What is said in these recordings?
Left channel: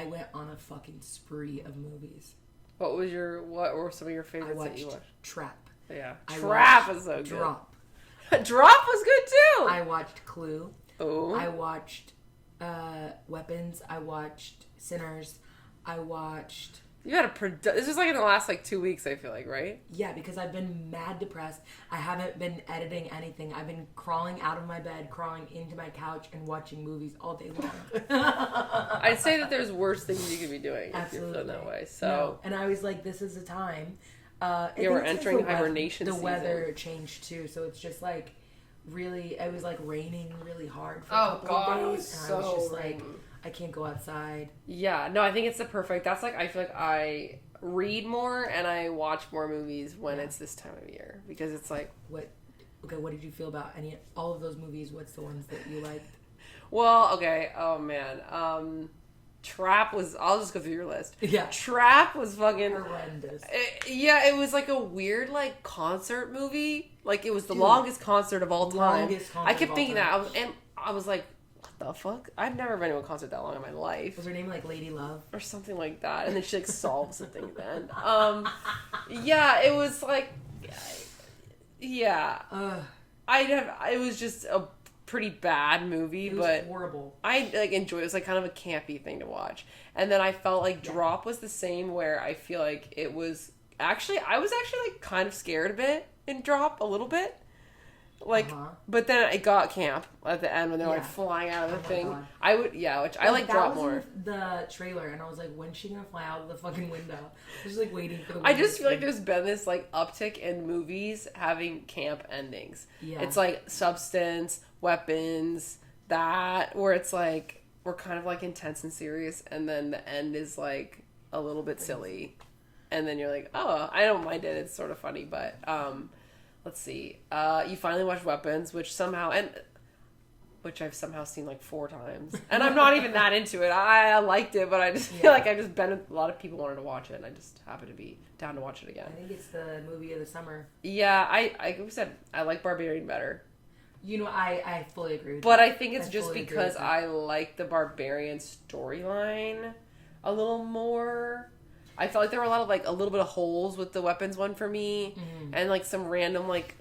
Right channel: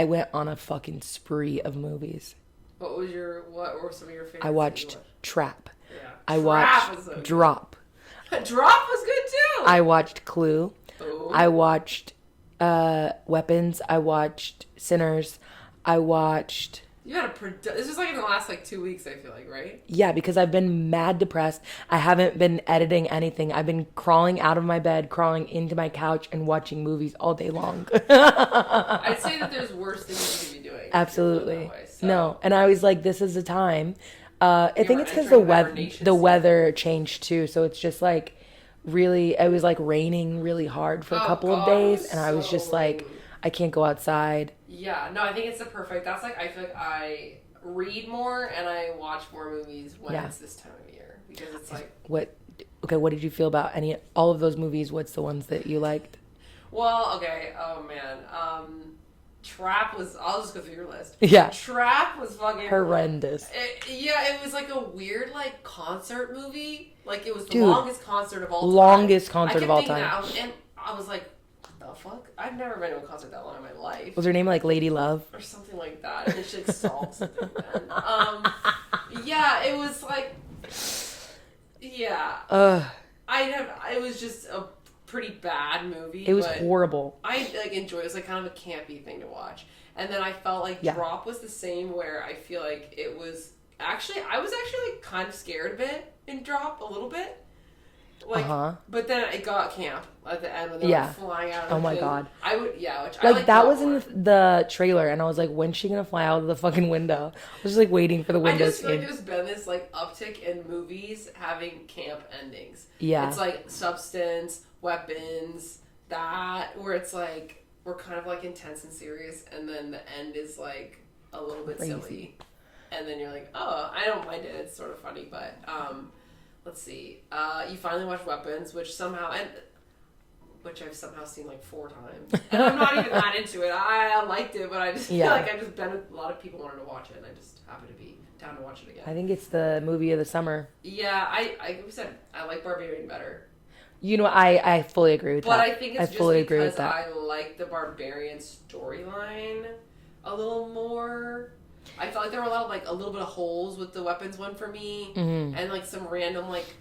I went on a fucking spree of movies. What were some of your favorites? I watched Trap. Yeah. I Trap watched was so good. Drop. Drop was good too. I watched Clue. Ooh. I watched Weapons. I watched Sinners. I watched... You had this was like in the last like 2 weeks, I feel like, right? Yeah, because I've been mad depressed. I haven't been editing anything. I've been crawling out of my bed, crawling into my couch, and watching movies all day long. I'd say that there's worse things you could be doing. Absolutely. Way, so. No, and I was like, this is the time. I think it's because the weather changed too, so it's just like really, it was like raining really hard for a couple of days, and I was just like, I can't go outside. Yeah, no, I think it's the perfect. That's like, I feel like I read more and I watch more movies when it's this time of year, because it's like... What did you feel about all of those movies? What's the ones that you liked? Well, okay, oh man, Trap was... I'll just go through your list. Yeah. Trap was fucking... horrendous. It was like a weird, like, concert movie. Like, it was the longest concert of all time. Longest concert of all time. And I was like, what the fuck? I've never been to a concert that long in my life. Was her name, like, Lady Love? Or something like that. And then she, like, solved something then. Yeah, it was, like... Yeah. It was just a pretty bad movie. It was horrible. I like enjoy it. It was like kind of a campy thing to watch. And then I felt like Drop was the same, where I feel like it was I was actually like kind of scared a bit in Drop, a little bit. Like, but then it got camp at the end when they were like, flying out of the Oh my thing. God. I would, which like I like that was in the trailer, and I was like, when's she gonna fly out of the fucking window? I was just like waiting for the window. I just feel like there's been this like uptick in movies having camp endings. Yeah. It's like Substance, Weapons, that, where it's like, we're kind of like intense and serious, and then the end is like a little bit silly. And then you're like, oh, I don't mind it. It's sort of funny, but let's see. You finally watched Weapons, which I've somehow seen like 4 times, and I'm not even that into it. I liked it, but I just feel like a lot of people wanted to watch it, and I just happened to be down to watch it again. I think it's the movie of the summer. Yeah, I said I like Barbarian better. You know, I fully agree with that. But I think it's just because I like the Barbarian storyline a little more. I felt like there were a little bit of holes with the Weapons one for me, and like some random like,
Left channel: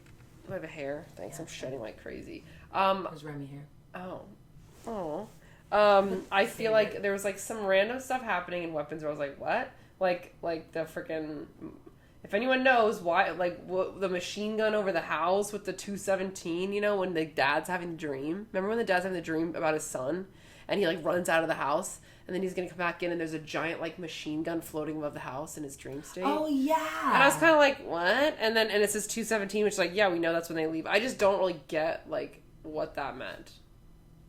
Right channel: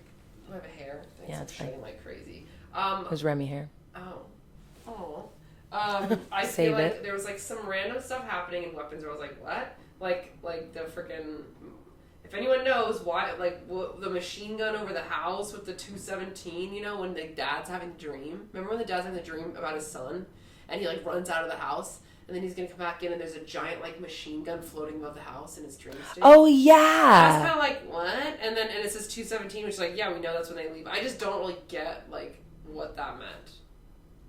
I have a hair. Thanks, I'm shitting like crazy. It was Remy hair. I feel like there was like some random stuff happening in Weapons where I was like, what? Like the freaking. If anyone knows why, like the machine gun over the house with the 217, you know, when the dad's having a dream. Remember when the dad's having a dream about his son, and he like runs out of the house, and then he's gonna come back in, and there's a giant like machine gun floating above the house in his dream state. Oh yeah. I was kind of like, what? And it says 217, which is like, yeah, we know that's when they leave. I just don't really get like what that meant.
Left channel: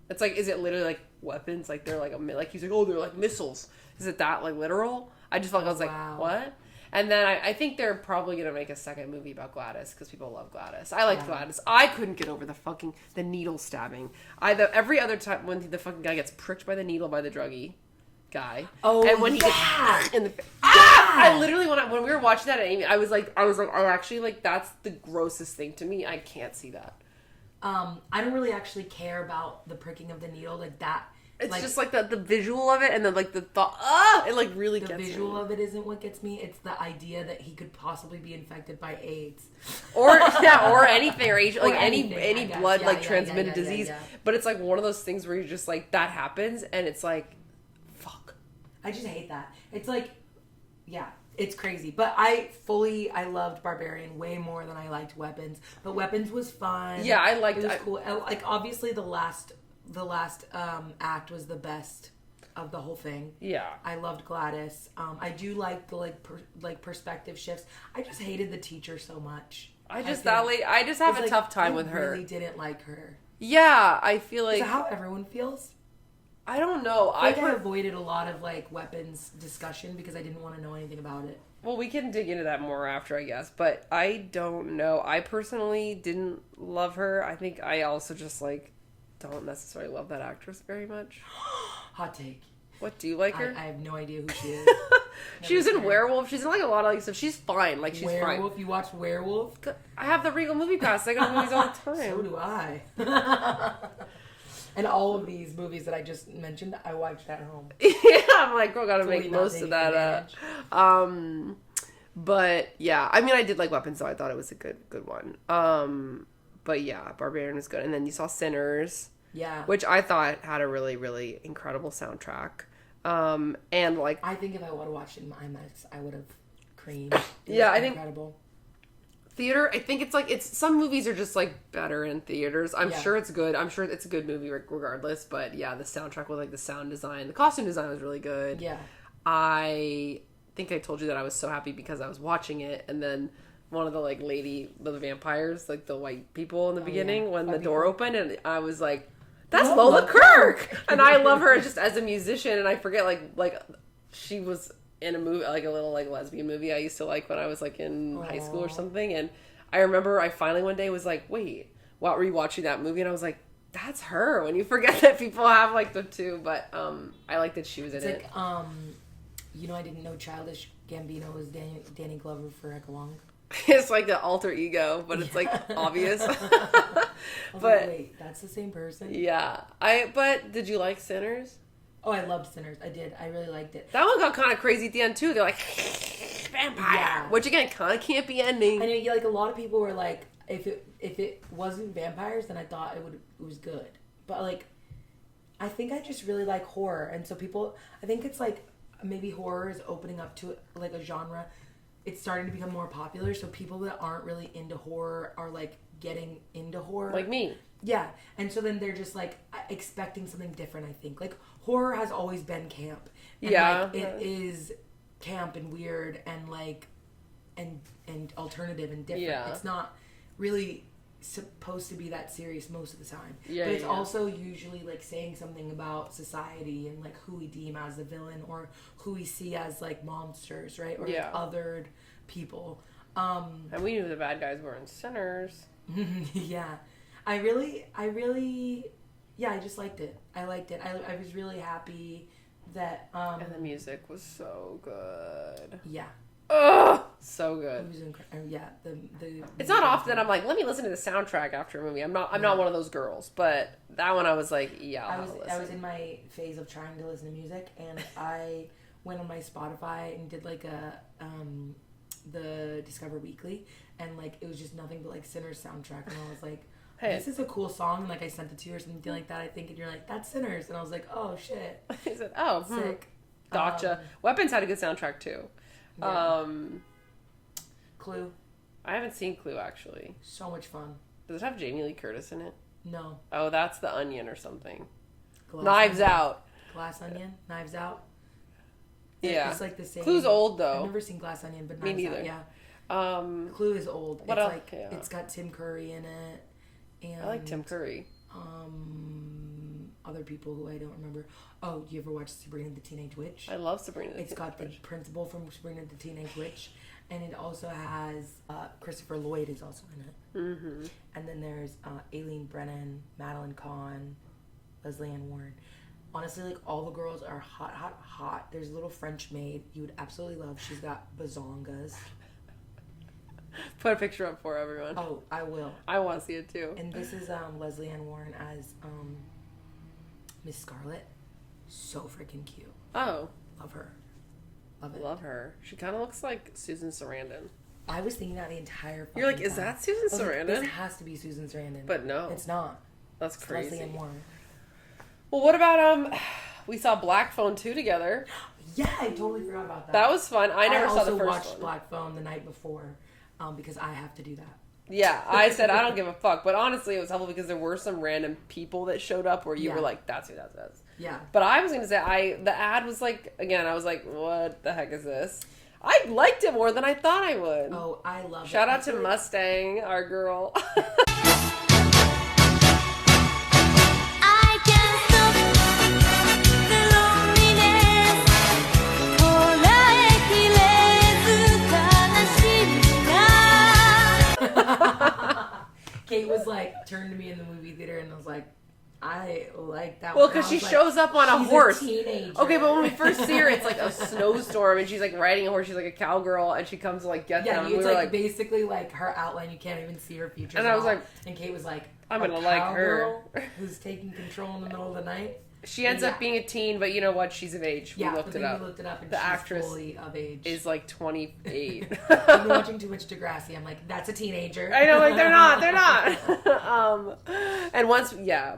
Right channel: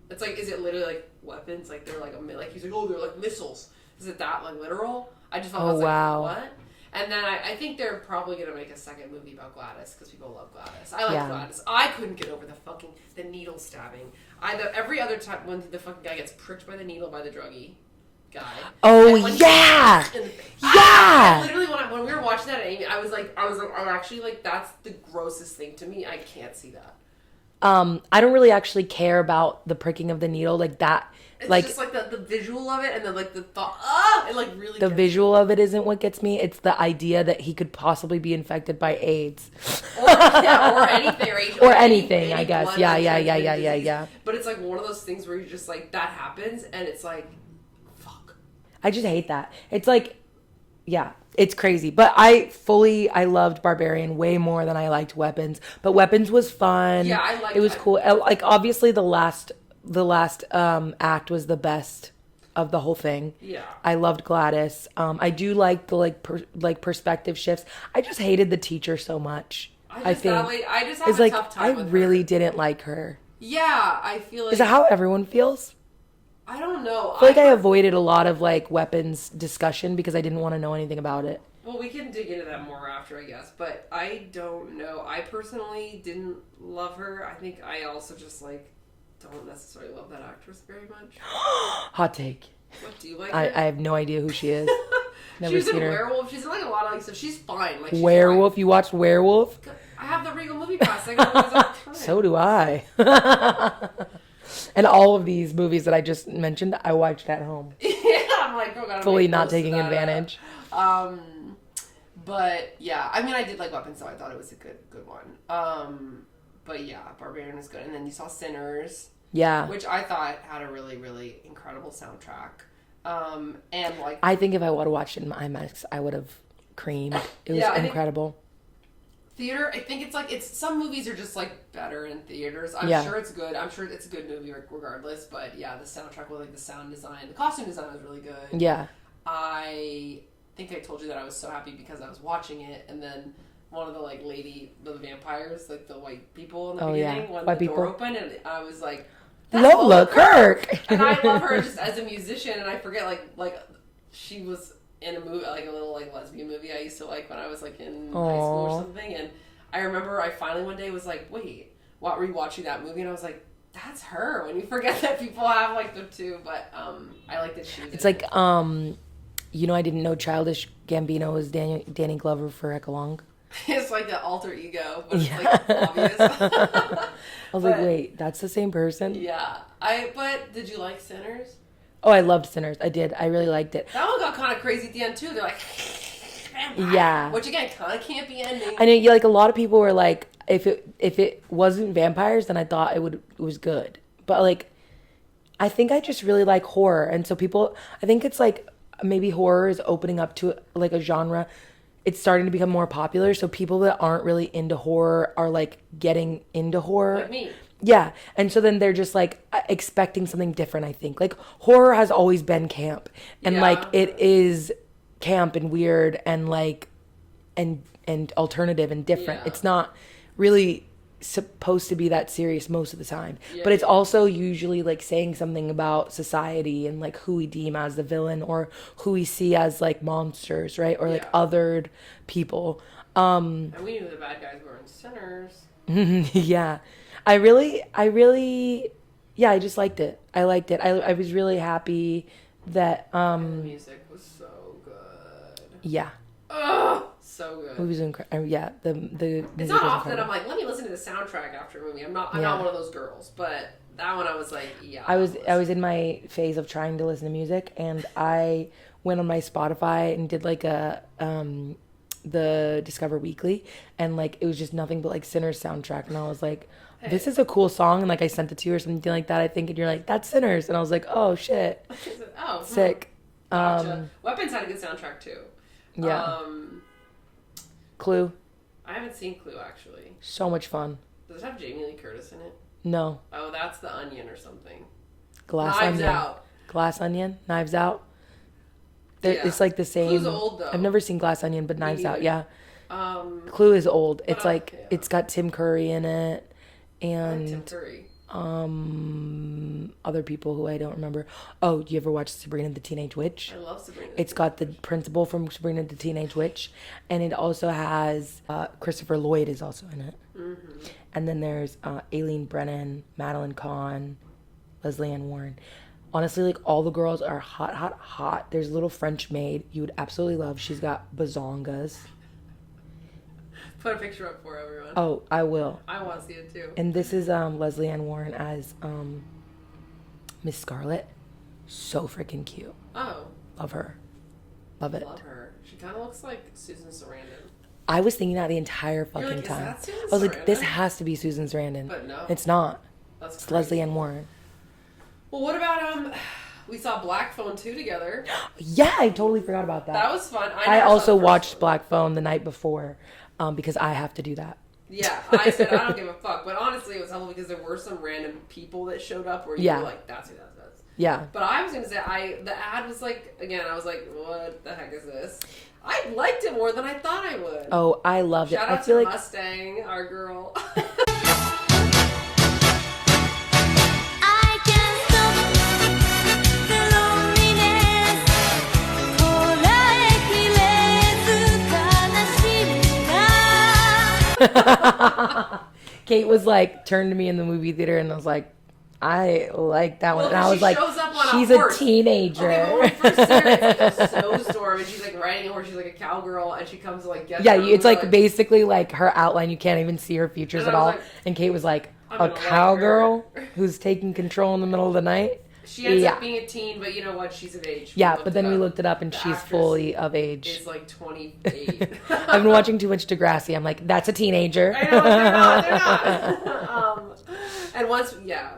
It's like, is it literally like weapons? Like they're like like he's like, oh, they're like missiles. Is it that like literal? I just felt like, what? And then I think they're probably going to make a second movie about Gladys, because people love Gladys. I like Gladys. I couldn't get over the needle stabbing. Every other time when the fucking guy gets pricked by the needle by the druggie guy. Oh, yeah! I literally, when we were watching that, I was like, I actually, like, that's the grossest thing to me. I can't see that. I don't really actually care about the pricking of the needle, like that. It's like, just like the visual of it, and then like the thought. It like really. The visual of it isn't what gets me. It's the idea that he could possibly be infected by AIDS, or anything, or anything. Any I guess. Blood, Yeah. But it's like one of those things where you're just like, that happens, and it's like, fuck. I just hate that. It's like, yeah, it's crazy. But I loved Barbarian way more than I liked Weapons. But Weapons was fun. Yeah, I liked it. It was cool. Like obviously the last act was the best of the whole thing. Yeah, I loved Gladys. I do like the perspective shifts. I just hated the teacher so much. I just have a tough time with her. I really didn't like her. Yeah, I feel like... Is that how everyone feels? I don't know. I feel like I avoided a lot of like Weapons discussion because I didn't want to know anything about it. Well, we can dig into that more after, I guess. But I don't know. I personally didn't love her. I think I also just like... don't necessarily love that actress very much. Hot take. What, do you like her? I have no idea who she is. She was in Werewolf. She's in like a lot of like stuff. She's fine. Like she's Werewolf? Fine. You watched Werewolf? I have the Regal Movie Pass. I go to movies all the time. So do I. And all of these movies that I just mentioned, I watched at home. Yeah, I'm like, oh, gotta fully make not most taking of that, advantage. But yeah, I mean, I did like Weapons, so I thought it was a good one. But yeah, Barbarian was good, and then you saw Sinners, which I thought had a really, really incredible soundtrack. And like, I think if I would have watched it in IMAX, I would have creamed. It was incredible. Theater, I think it's some movies are just like better in theaters. I'm sure it's good. I'm sure it's a good movie regardless. But yeah, the soundtrack with like the sound design, the costume design was really good. Yeah, I think I told you that I was so happy because I was watching it, and then one of the like the vampires, like the white people in the beginning, when the door opened, and I was like, that's Lola Kirk. And I love her just as a musician, and I forget like she was in a movie, like a little like lesbian movie I used to like when I was like in high school or something. And I remember I finally one day was like, wait, while rewatching that movie, and I was like, that's her. When you forget that people have like the two, but I like that she was. It's like you know, I didn't know Childish Gambino was Danny Glover for heck long. It's like the alter ego, but it's like obvious. I was like, wait, that's the same person? Yeah. But did you like Sinners? Oh, I loved Sinners. I did. I really liked it. That one got kind of crazy at the end, too. They're like, vampire. Yeah. Which, again, kind of can't be ending. I know, like, a lot of people were like, if it wasn't vampires, then I thought it was good. But, like, I think I just really like horror. And so people, I think it's like, maybe horror is opening up to, like, a genre. It's starting to become more popular. So people that aren't really into horror are, like, getting into horror. Like me. Yeah, and so then they're just, like, expecting something different, I think. Like, horror has always been camp. And, like, it is camp and weird and, like, and alternative and different. It's not really supposed to be that serious most of the time. But it's also usually, like, saying something about society and, like, who we deem as the villain or who we see as, like, monsters, right? Or, like, othered people. And we knew the bad guys were in Sinners. Yeah. I really, I just liked it. I liked it. I was really happy that, and the music was so good. Yeah. Ugh, so good. It was incredible. Yeah, the it's not often I'm like, let me listen to the soundtrack after a movie. I'm not one of those girls, but that one I was like, yeah. I was in my phase of trying to listen to music, and I went on my Spotify and did like the Discover Weekly, and like it was just nothing but like Sinners soundtrack, and I was like, this is a cool song, and like I sent it to you or something like that, I think, and you're like, that's Sinners, and I was like, oh shit. Oh, sick. Gotcha. Weapons had a good soundtrack too. Yeah. Clue. I haven't seen Clue actually. So much fun. Does it have Jamie Lee Curtis in it? No. Oh, that's The Onion or something. Knives Out. Glass Onion. Knives Out. It's like the same. Clue's old though. I've never seen Glass Onion, but Knives Out, yeah. Clue is old. It's like it's got Tim Curry in it, and Tim Curry. Other people who I don't remember. Oh, you ever watch Sabrina the Teenage Witch? I love Sabrina. It's got the principal from Sabrina the Teenage Witch, and it also has Christopher Lloyd is also in it. Mm-hmm. And then there's Aileen Brennan, Madeline Kahn, Leslie Ann Warren. Honestly, like, all the girls are hot, hot, hot. There's a little French maid you would absolutely love. She's got bazongas. Put a picture up for everyone. Oh, I will. I want to see it too. And this is Leslie Ann Warren as Miss Scarlet. So freaking cute. Oh. Love her. Love it. Love her. She kind of looks like Susan Sarandon. I was thinking that the entire fucking You're like, time. Is that Susan Sarandon? I was like, this has to be Susan Sarandon. But no. It's not. That's it's crazy. Leslie Ann Warren. Well, what about we saw Black Phone 2 together. Yeah, I totally forgot about that. That was fun. I also watched Black Phone the night before because I have to do that. Yeah, I said I don't give a fuck. But honestly, it was helpful because there were some random people that showed up where you were like, that's who that is. Yeah. But I was going to say, the ad was like, again, I was like, what the heck is this? I liked it more than I thought I would. Oh, I loved it. Shout out to Mustang, our girl. Kate was like, turned to me in the movie theater, and I was like, I like that one. And I was like, she's a teenager. Okay, but when we first see her, it's like a snowstorm, and she's like riding a horse. She's like a cowgirl, and she comes to like get her. Yeah, it's like basically like her outline. You can't even see her features at all. Like, and Kate was like, a cowgirl who's taking control in the middle of the night. She ends up being a teen, but you know what? She's of age. Yeah, but then we looked it up, and she's fully of age. Is like 28. I've been watching too much Degrassi. I'm like, that's a teenager. I know, they're not. And once,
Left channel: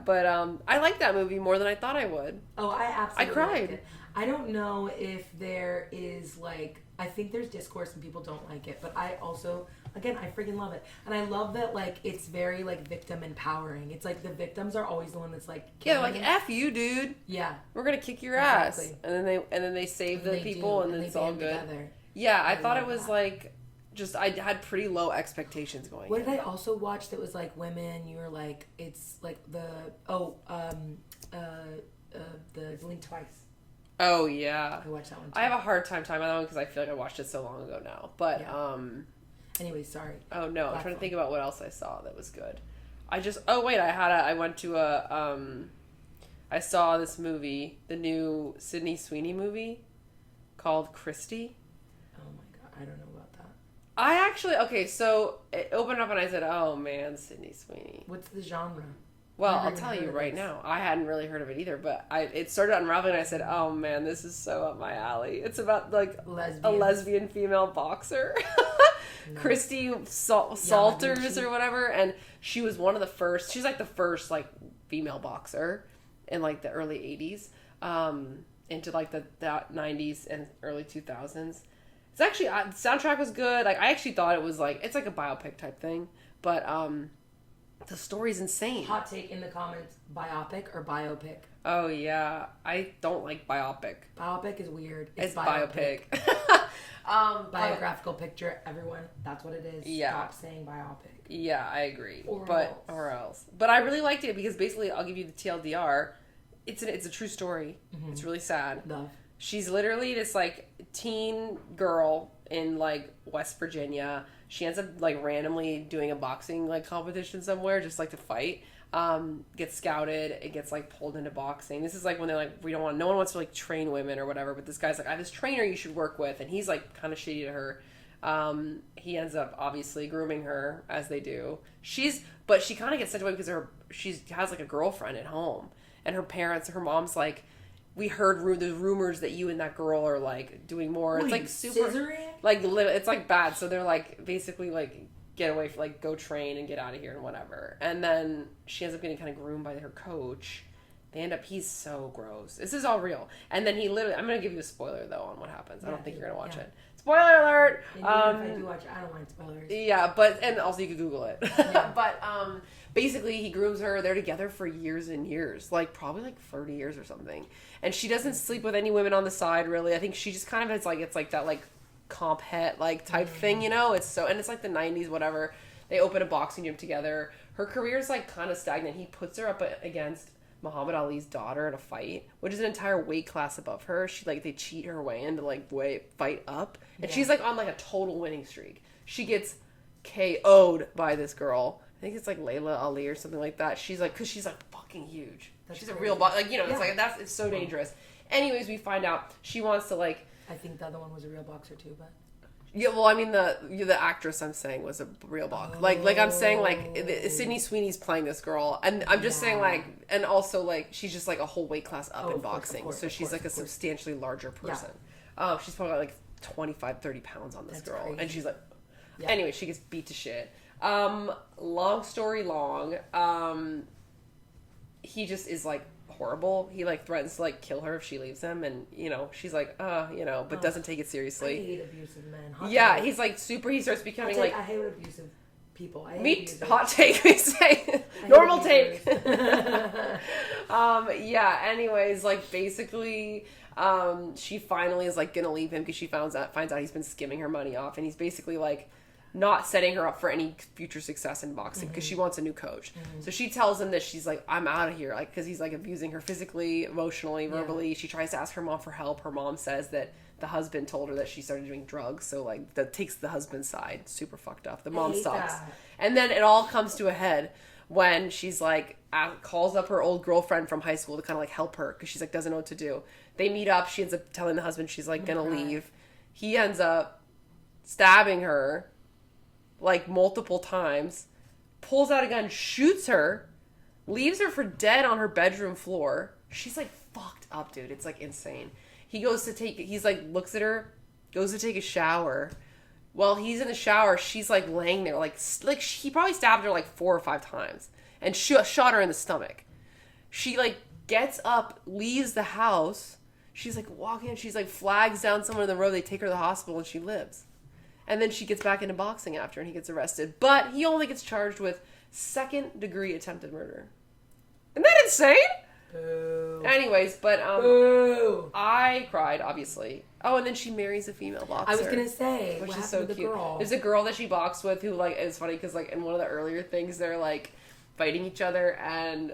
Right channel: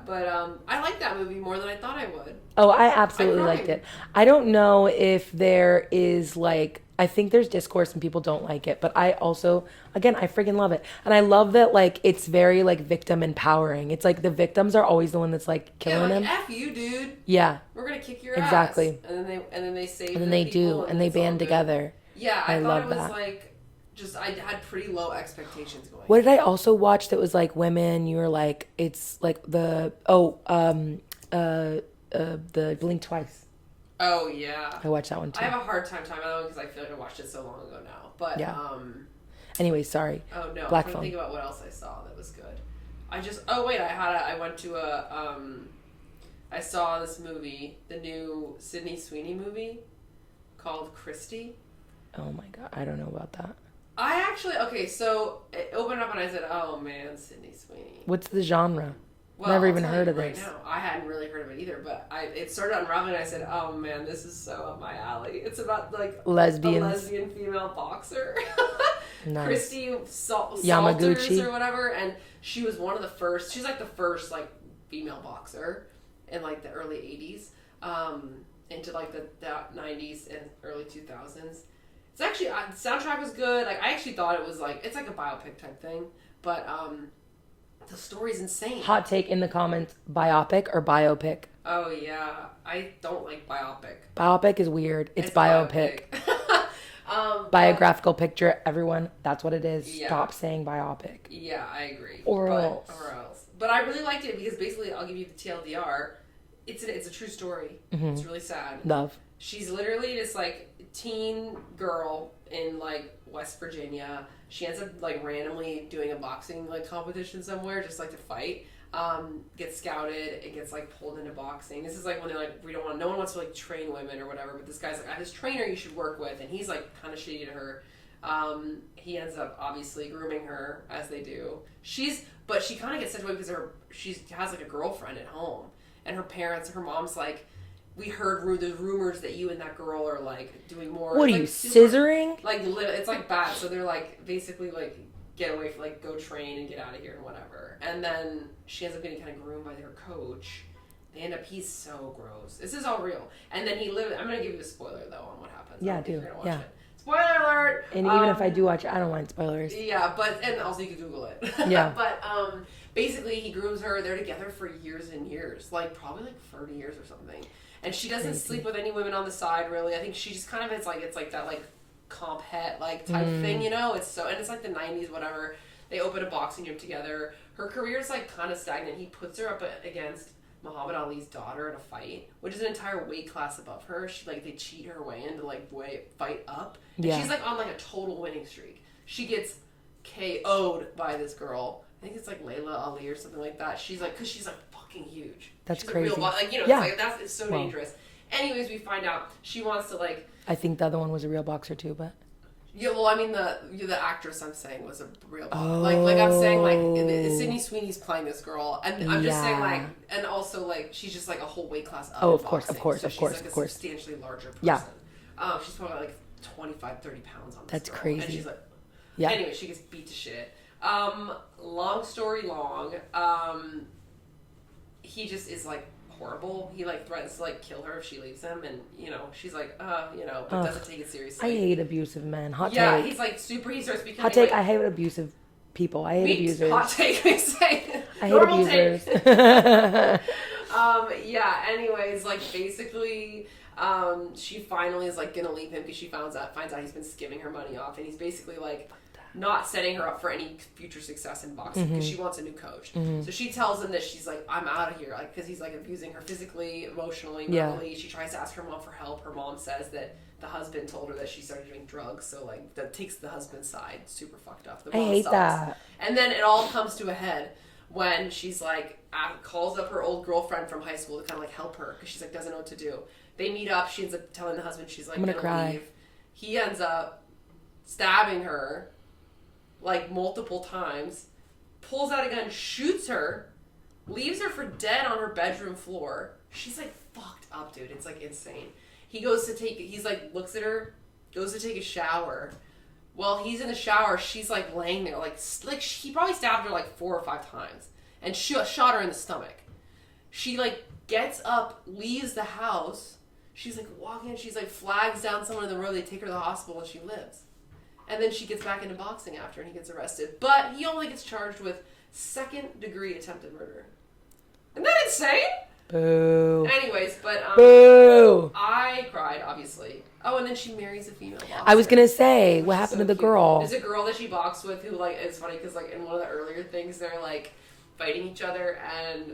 but I liked that movie more than I thought I would. Oh, I absolutely liked it. I don't know if there is like, I think there's discourse and people don't like it, but I also, again, I freaking love it. And I love that, like, it's very, like, victim empowering. It's like the victims are always the one that's, like, killing him. F you, dude. Yeah. We're going to kick your ass. Exactly. And then they save and then they people, do, and they band together. Yeah, I thought it was, like, just, I had pretty low expectations going. What did I also watch that was, like, women, you were, like, it's, like, the Blink Twice. Oh, yeah. I watched that one, too. I have a hard time talking about that one because I feel like I watched it so long ago now. But, anyway, sorry. Oh, no. Black I'm trying Phone. to think about what else I saw that was good. I went to I saw this movie, the new Sydney Sweeney movie called Christie. Oh, my God. I don't know about that. So it opened up and I said, oh, man, Sydney Sweeney. What's the genre? Well, Never I'll even tell heard you of right this. Now. I hadn't really heard of it either, but it started unraveling and I said, oh man, this is so up my alley. It's about like lesbians. A lesbian female boxer. Nice. Christy Salters Yamaguchi or whatever, and she was one of the first, she's like the first like female boxer in like the early 80s, into like the 90s and early 2000s. It's actually, the soundtrack was good. Like I actually thought it was like, it's like a biopic type thing, but the story's insane. Hot take in the comments, biopic or biopic? Oh, yeah. I don't like biopic. Biopic is weird. It's biopic. Biographical picture, everyone. That's what it is. Yeah. Stop saying biopic. Yeah, I agree. Or else. But I really liked it because basically, I'll give you the TLDR. It's a true story. Mm-hmm. It's really sad. Love. She's literally this, like, teen girl in, like, West Virginia. She ends up like randomly doing a boxing like competition somewhere, just like to fight. Gets scouted and gets like pulled into boxing. This is like when they're like, no one wants to like train women or whatever. But this guy's like, I have this trainer you should work with, and he's like kind of shady to her. He ends up obviously grooming her as they do. But she kind of gets sent away because she has like a girlfriend at home, and her mom's like, we heard the rumors that you and that girl are like doing more. What are you, scissoring? Like it's like bad. So they're like basically like get away, like go train and get out of here and whatever. And then she ends up getting kind of groomed by her coach. He's so gross. This is all real. And then I'm gonna give you a spoiler though on what happens. Yeah, do. You're gonna watch it. Spoiler alert! And even if I do watch it, I don't mind spoilers. Yeah, and also you can Google it. Yeah. But basically he grooms her. They're together for years and years, like probably like 30 years or something. And she doesn't sleep with any women on the side, really. I think she just kind of it's like that like comp het like type thing, you know. It's like the 90s, whatever. They open a boxing gym together. Her career's like kind of stagnant. He puts her up against Muhammad Ali's daughter in a fight, which is an entire weight class above her. They cheat her way into like fight up, and she's like on like a total winning streak. She gets KO'd by this girl. I think it's like Layla Ali or something like that. She's like, because she's like fucking huge. That's she's crazy. A real it's like it's so dangerous. Anyways, we find out she wants to like. I think the other one was a real boxer too, but. Yeah, well, I mean the actress I'm saying was a real boxer. Like I'm saying like Sydney Sweeney's playing this girl, and I'm just saying like, and also like she's just like a whole weight class up. Of course. So she's like a substantially larger person. Yeah. She's probably like 25, 30 pounds on this That's girl. crazy. And she's like, Anyway, she gets beat to shit. Long story long, he just is like horrible. He like threatens to like kill her if she leaves him, and she's like, but doesn't take it seriously. I hate abusive men. Hot take. Yeah, he's like super. He starts becoming hot take. Like, I hate abusive people. I hate abusers. Hot take. I say. I hate Normal abusers. take. Yeah. Anyways, like basically. She finally is like gonna leave him because she finds out he's been skimming her money off, and he's basically like not setting her up for any future success in boxing because she wants a new coach. So she tells him that she's like, I'm out of here, like because he's like abusing her physically, emotionally, mentally. She tries to ask her mom for help. Her mom says that the husband told her that she started doing drugs, so like that takes the husband's side. Super fucked up. The mom I hate sucks. that. And then it all comes to a head when she's like calls up her old girlfriend from high school to kind of like help her because she's like doesn't know what to do. They meet up. She ends up telling the husband she's like gonna leave. He ends up stabbing her like multiple times, pulls out a gun, shoots her, leaves her for dead on her bedroom floor. She's like up, dude. It's like insane. He's like looks at her, goes to take a shower. While he's in the shower, she's like laying there, like he probably stabbed her like 4 or 5 times and shot her in the stomach. She like gets up, leaves the house. She's like walking, she's like flags down somewhere in the road. They take her to the hospital and she lives. And then she gets back into boxing after and he gets arrested. But he only gets charged with 2nd-degree attempted murder. Isn't that insane? Boo. Anyways, but Boo. I cried, obviously. Oh, and then she marries a female boxer. I was gonna say, what happened to the girl? There's a girl that she boxed with who, like, it's funny because, like, in one of the earlier things, they're, like, fighting each other, and,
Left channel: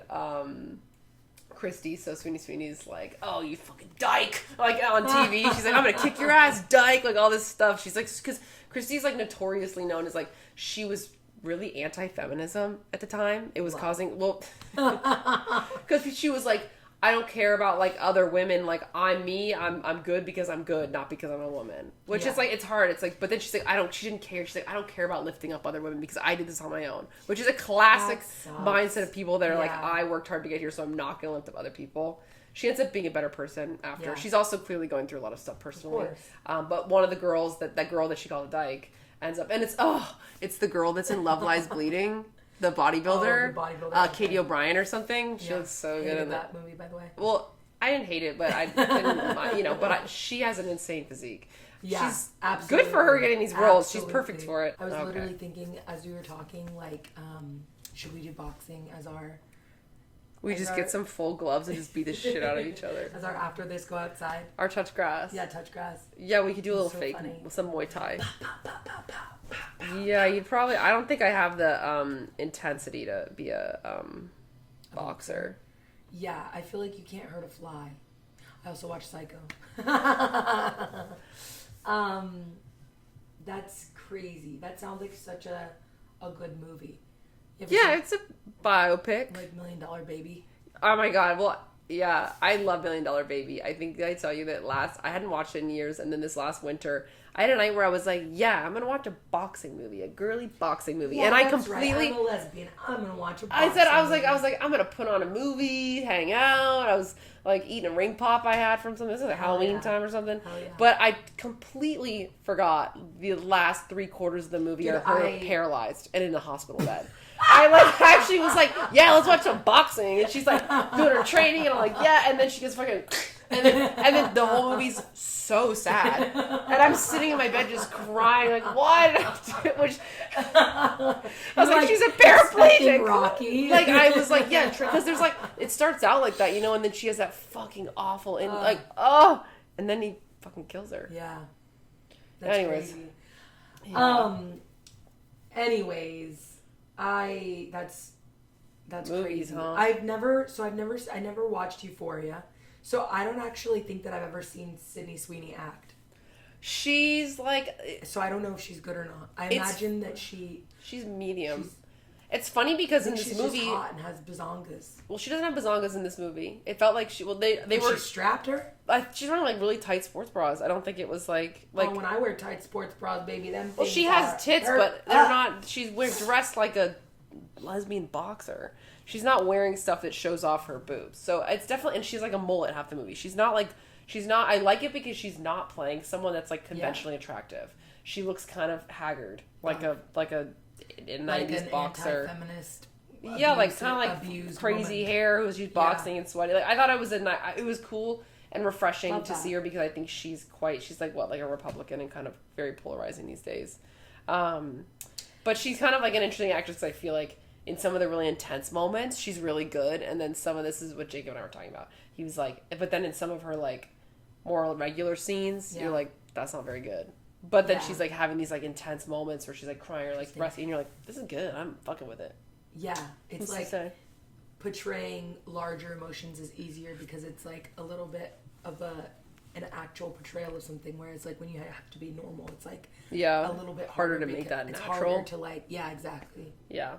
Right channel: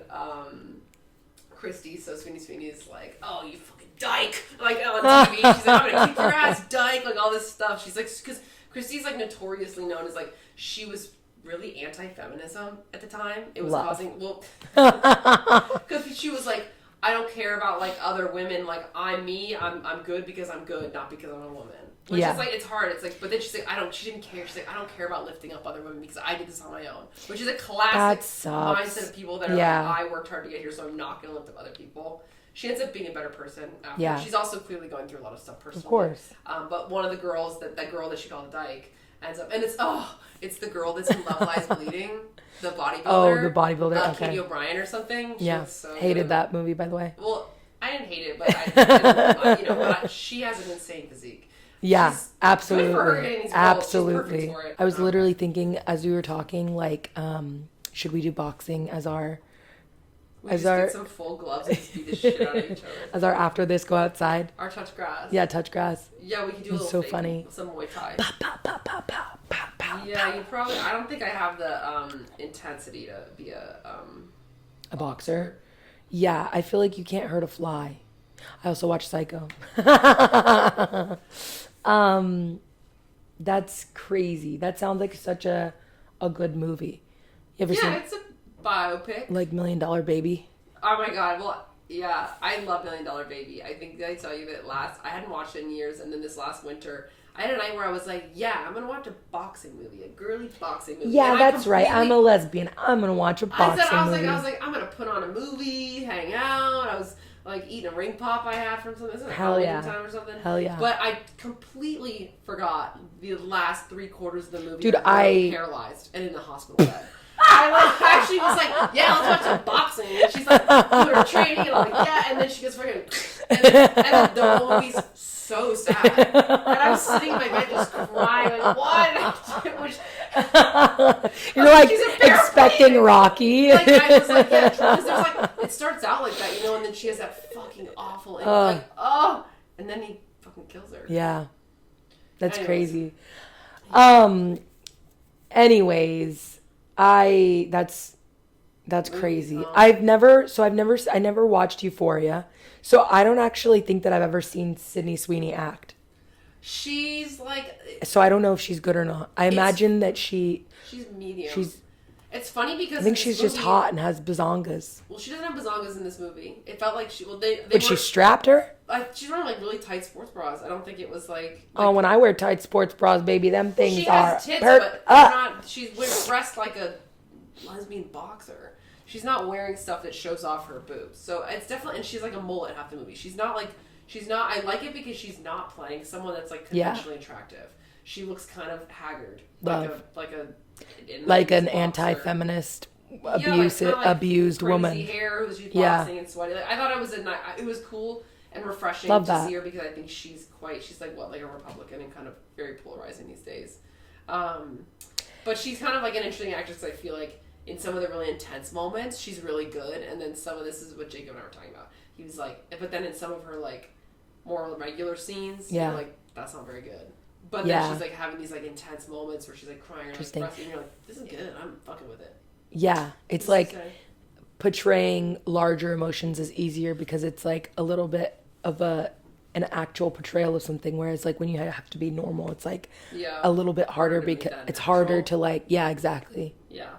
Christy, so Sydney Sweeney's like, oh, you fucking dyke, like, on TV. She's like, I'm gonna kick your ass, dyke, like, all this stuff. She's like, because Christy's, like, notoriously known as, like, she was really anti-feminism at the time. It was causing, well, because she was like, I don't care about, like, other women. Like, I'm me. I'm good because I'm good, not because I'm a woman. Which is, like, it's hard. It's like, but then she's like, she didn't care. She's like, I don't care about lifting up other women because I did this on my own. Which is a classic mindset of people that are like, I worked hard to get here, so I'm not going to lift up other people. She ends up being a better person after. Yeah. She's also clearly going through a lot of stuff personally. Of course. But one of the girls, that girl that she called a dyke, ends up, and it's the girl that's in Love Lies Bleeding. The bodybuilder. Oh, the bodybuilder. Okay. Katie O'Brien or something. Yeah. So hated that movie, by the way. Well, I didn't hate it, but but she has an insane physique. Yeah, absolutely. Good for her getting these roles. Absolutely. She's perfect for it. I was literally thinking as we were talking, like, should we do boxing as our... get some full gloves and just beat the shit out of each other. As our after this go outside. Our touch grass. Yeah, touch grass. Yeah, we could do a little fake, funny. Some Muay Thai. Pow, pow, pow, pow, pow, pow, pow, yeah, you probably... I don't think I have the intensity to be a boxer. Yeah, I feel like you can't hurt a fly. I also watch Psycho. That's crazy. That sounds like such a good movie. You ever seen it's a biopic. Like $1 Million Baby? Oh my god, well... Yeah, I love $1 Million Baby. I think I tell you that I hadn't watched it in years, and then this last winter, I had a night where I was like, yeah, I'm going to watch a boxing movie, a girly boxing movie. Yeah, that's right. I'm a lesbian. I'm going to watch a boxing movie. I was like, I'm going to put on a movie, hang out. I was like eating a ring pop I had from something. This is like Halloween time or something. Hell yeah. But I completely forgot the last 3/4 of the movie. Dude, I paralyzed and in the hospital bed. I actually was like, yeah, let's watch some boxing. And she's like, doing her training, and I'm like, yeah. And then she gets fucking, and then the whole movie's so sad. And I'm sitting in my bed just crying, like, what? You're like expecting Rocky. Like, I was like, yeah, because there's like, it starts out like that, and then she has that fucking awful, and and then he fucking kills her. Yeah. That's crazy. Anyways. That's crazy. I never watched Euphoria, so I don't actually think that I've ever seen Sydney Sweeney act. She's like... So I don't know if she's good or not. I imagine that she's medium. It's funny because I think she's just hot and has bazongas. Well, she doesn't have bazongas in this movie. It felt like she strapped her? She's wearing like really tight sports bras. I don't think it was like oh, when I wear tight sports bras, baby, them things she has tits, but they're not. She's dressed like a lesbian boxer. She's not wearing stuff that shows off her boobs. So it's definitely, and she's like a mullet half the movie. She's not. I like it because she's not playing someone that's like conventionally attractive. She looks kind of haggard, like an anti-feminist, like abused crazy woman. Hair, who's boxing and sweaty. Like, I thought it was cool and refreshing to see her because I think she's like a Republican and kind of very polarizing these days. But she's kind of like an interesting actress. I feel like in some of the really intense moments, she's really good, and then some of this is what Jacob and I were talking about. He was like, but then in some of her like more regular scenes, you're like, that's not very good. But then she's like having these like intense moments where she's like crying or like expressing, and you're like, this is good. I'm fucking with it. Yeah, it's like portraying larger emotions is easier because it's like a little bit of an actual portrayal of something, whereas like when you have to be normal, it's like a little bit harder because it's harder to like exactly. Yeah.